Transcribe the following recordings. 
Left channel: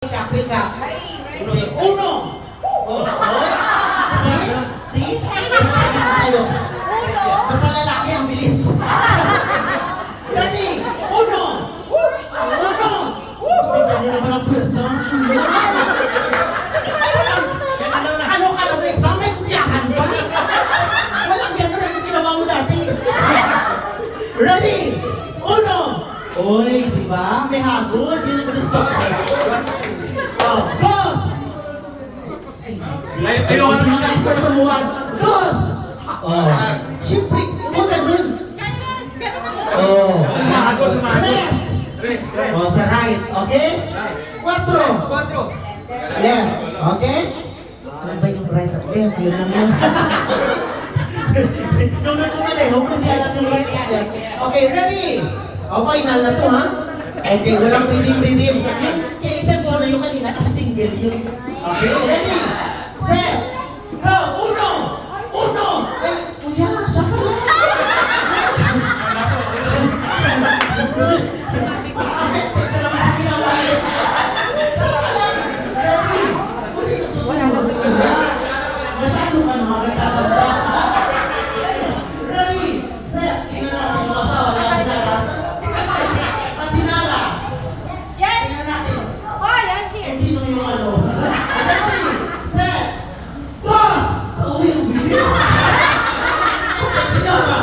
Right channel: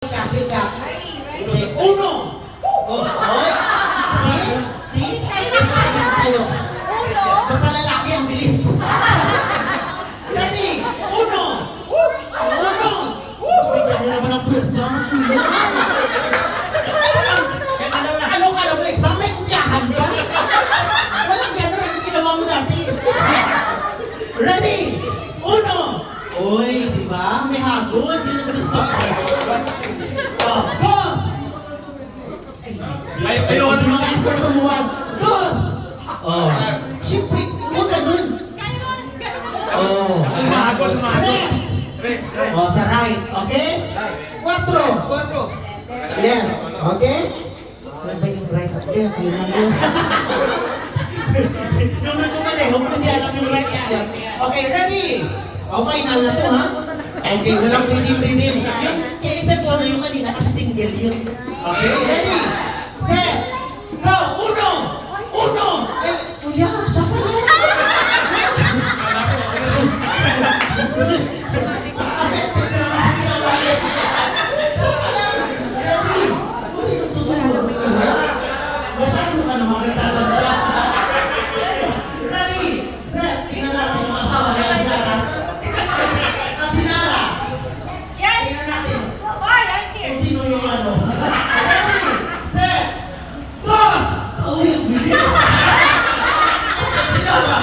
Pick up. Say, uno. Oh, oy. See? Sabi ko sa'yo. Basta lalaki ang bilis. Ready? Uno. Uno. Bigyan niyo naman ang pwersa. Ano ka lang exam? May kumpiyahan ba? Walang gano'n ang ginawa mo dati. Ready? Uno. Oy, di ba? May hagod. Yun ang gusto ko. Oh, dos! Ay, ayaw na mga answer tumuhan. Dos! Oh, siyempre, huwag ganun. Oh, tres! Oh, sa right, okay? Cuatro! Left, okay? Ano ba yung right at left? Yun lang yun. Yung nagkumaneho, kung hindi alam yung right at left. Okay, ready? Oh, final na to, ha? Okay, walang redeem. Yung kay-exception na yung kanina kasi single yun. Okay, ready? Set! Go! Uno! Eh, kuya, siya pa lang. Ready? Kasi tutulungan mo kuya. Masyado ka naman nagtatagpa. Ready? Set! Tingnan natin yung asawa niya, Sinara. Sinara! Tingnan natin. Kung sino yung ano. Ready? Set! Dos! Oh, yung bilis! Sinara!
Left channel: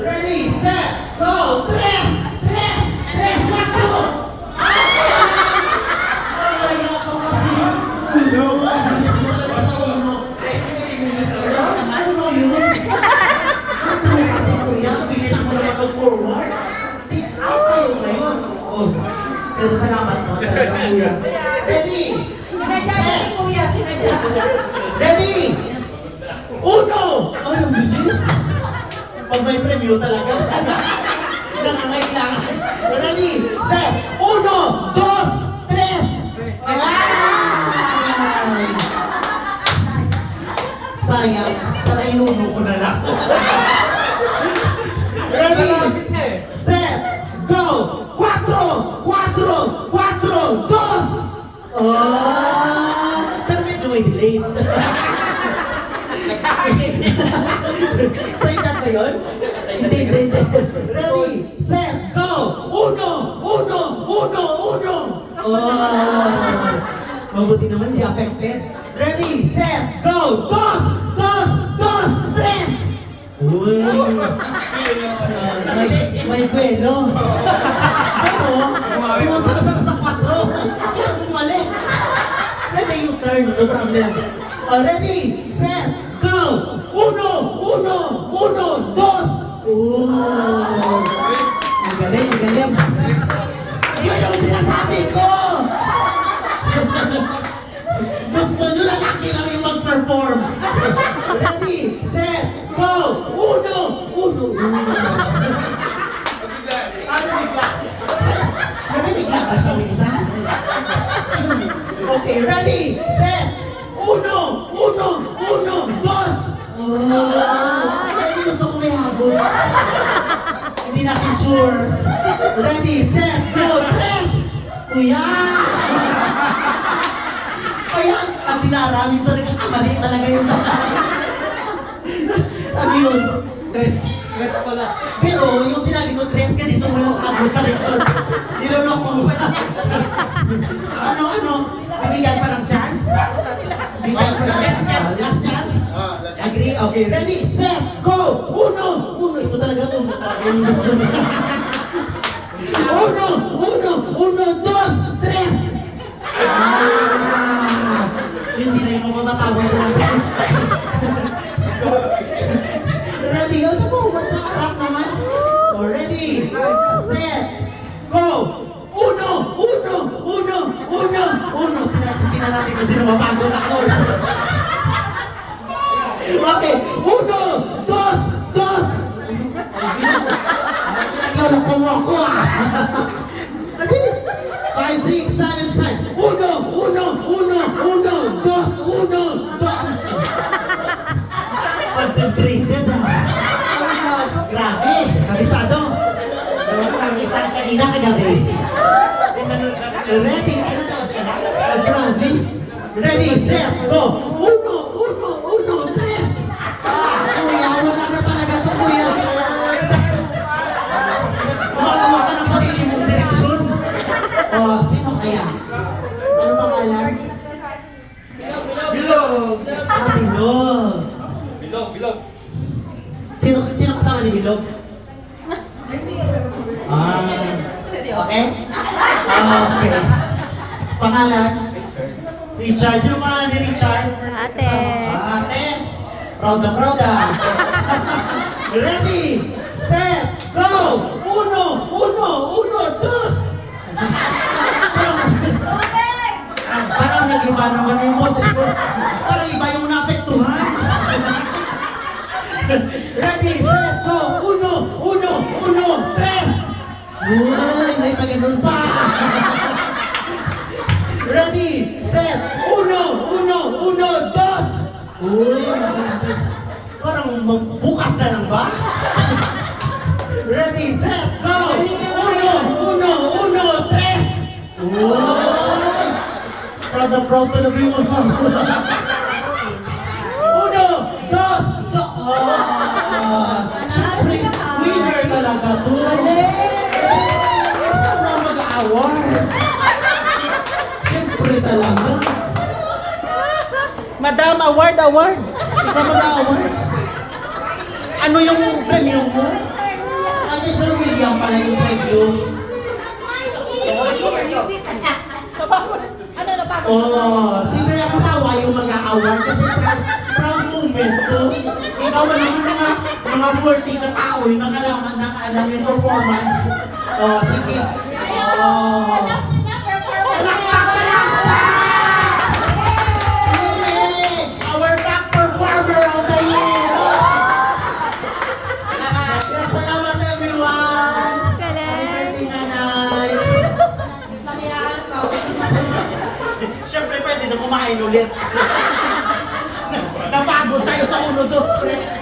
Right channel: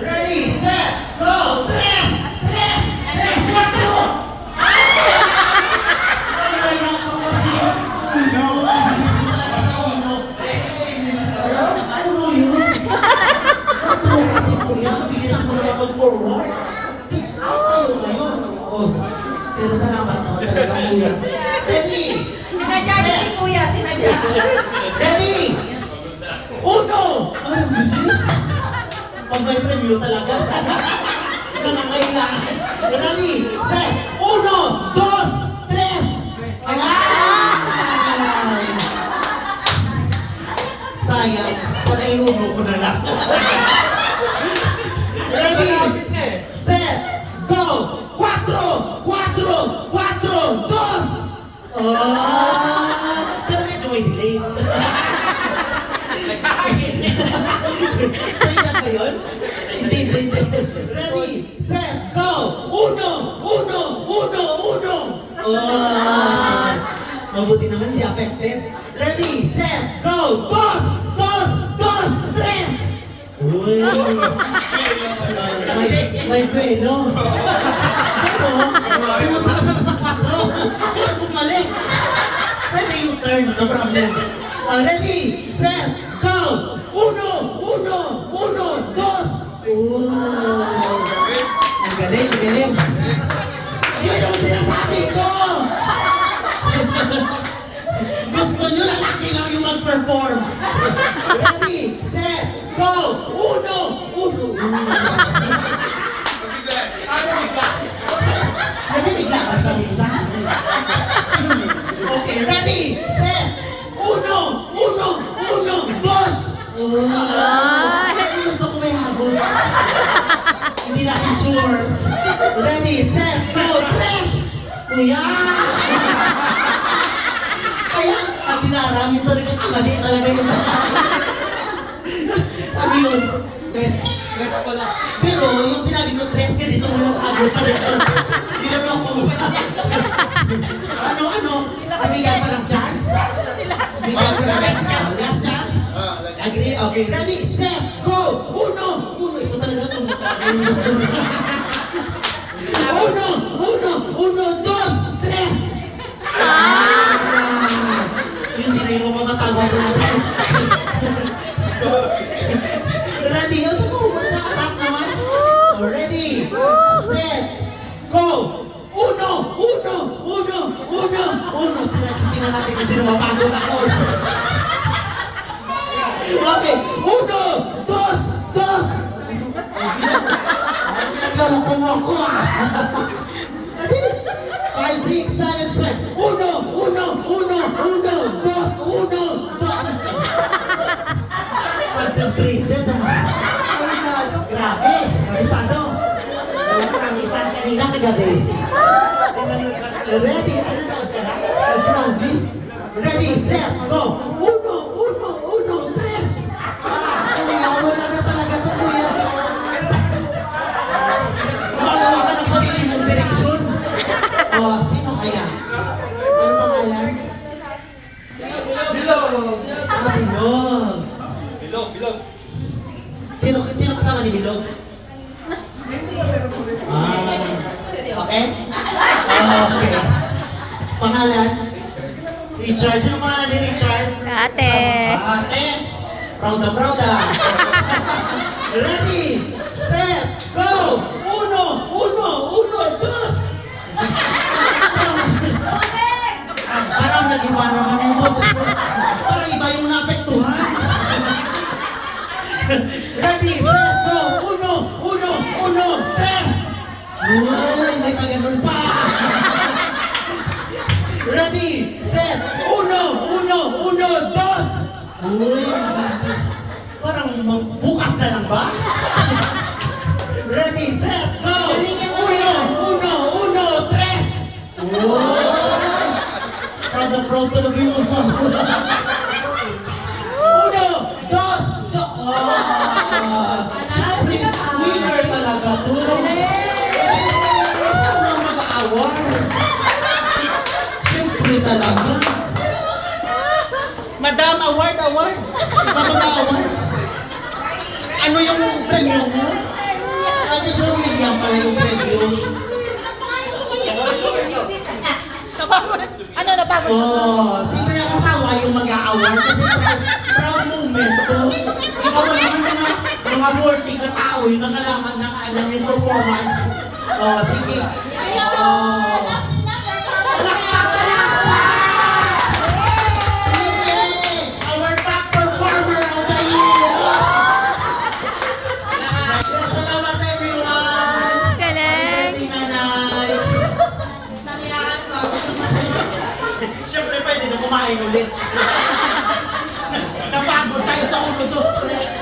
Ready? Set! Go! Tres! Cuatro! Wala ko kasi uno. Ang bilis mo talaga sa uno. Uno yun. Ito kasi kuya, bilis mo naman mag-forward. Sit out tayo ngayon. Pero salamat mo talaga kuya. Ready? Sinadya si kuya, sinadya. Ready? Uno! Ay, ang bilis. Pag may premyo talaga. Nangangailangan. Ready? Set! Uno! Dos! Tres! Ayan! Sayang. Sana inubo ko na lang. Ready? Set! Go! Cuatro! Dos! Oh! Pero medyo may delay. Kailan ba yun? Hindi. Ready? Set! Go! Uno! Oh! Mabuti naman, hindi affected. Ready? Set! Go! Dos! Tres! Uy! May velo. Pero, pumunta ka sa 4. Pero bumalik. Pwede yung turn, no problem. Ready? Set! Go! Uno! Dos! Oh! Ang galing. Yun yung sinasabi ko! Gusto nyo lalaki lang yung mag-perform. Ready? Set! Go! Uno! Nabibigla ba siya minsan? Okay, ready? Set! Uno! Dos! Gusto ko may habol. Hindi natin sure. Ready? Set! Go! Tres! Kuya! Kaya, ang Sinara, minsan nagkakamali talaga yung ano yun? Tres pala. Pero yung sinabi ko, tres ka dito, walang habol pa rin ito. Nilolok ko. Ano? Nabigyan pa ng chance? Bigyan pa ng chance. Last chance? Agree? Okay. Ready? Set! Go! Uno! Ito talaga uno. Yung gusto mo. Uno! Dos! Tres! Hindi na yung makakatawa doon. Ready? Sa forward, sa harap naman. Ready? Set! Go! Uno! Sige na natin kasi nababago na course. Okay. Uno! Dos! Naglaloko mo ako ah! Ready? 5, 6, 7. Uno! Dos! Concentrated ah! Grabe! Kabisado! Walang kamisang kanina kagabi. Ready? Grabe. Ready, set, go! Uno, uno, uno, tres! Kuya, wala na talaga to, kuya. Gumagawa ka ng sarili mong direksyon. Sino kaya? Ano pangalan? Bilog. Bilog. Bilog. Sino kasama ni Bilog? Okay? Okay. Pangalan? Richard. Sino pangalan ni Richard? Ate. Ate. Proud na proud ah. Ready, set, go! Uno, uno, uno, dos! Parang nag-iba naman yung boses ko. Parang iba yung naapektuhan. Ready, set, go! Uno, uno, uno, tres! Uy, may pag-ganun pa! Ready, set, uno, uno, uno, dos! Uy, parang bukas na lang ba? Ready, set, go! Uno, uno, uno, tres! Uy! Proud na proud talaga yung usap. Uno, dos, siyempre, winner talaga to. Saan na mag-award? Siyempre talaga. Madam, award. Ikaw mag-award. Ano yung premium mo? Ano Sir William pala yung premium? Ano na bago? Siyempre ang asawa yung mag-award kasi proud moment to. Ikaw man yung mga 40 na tao yung nakaalam yung performance. Sige. Palakpak! Yay! Our top performer of the year! Salamat everyone! Galing. Happy birthday, nanay! Siyempre pwede na kumain ulit. Napagod tayo sa 1, 2, 3.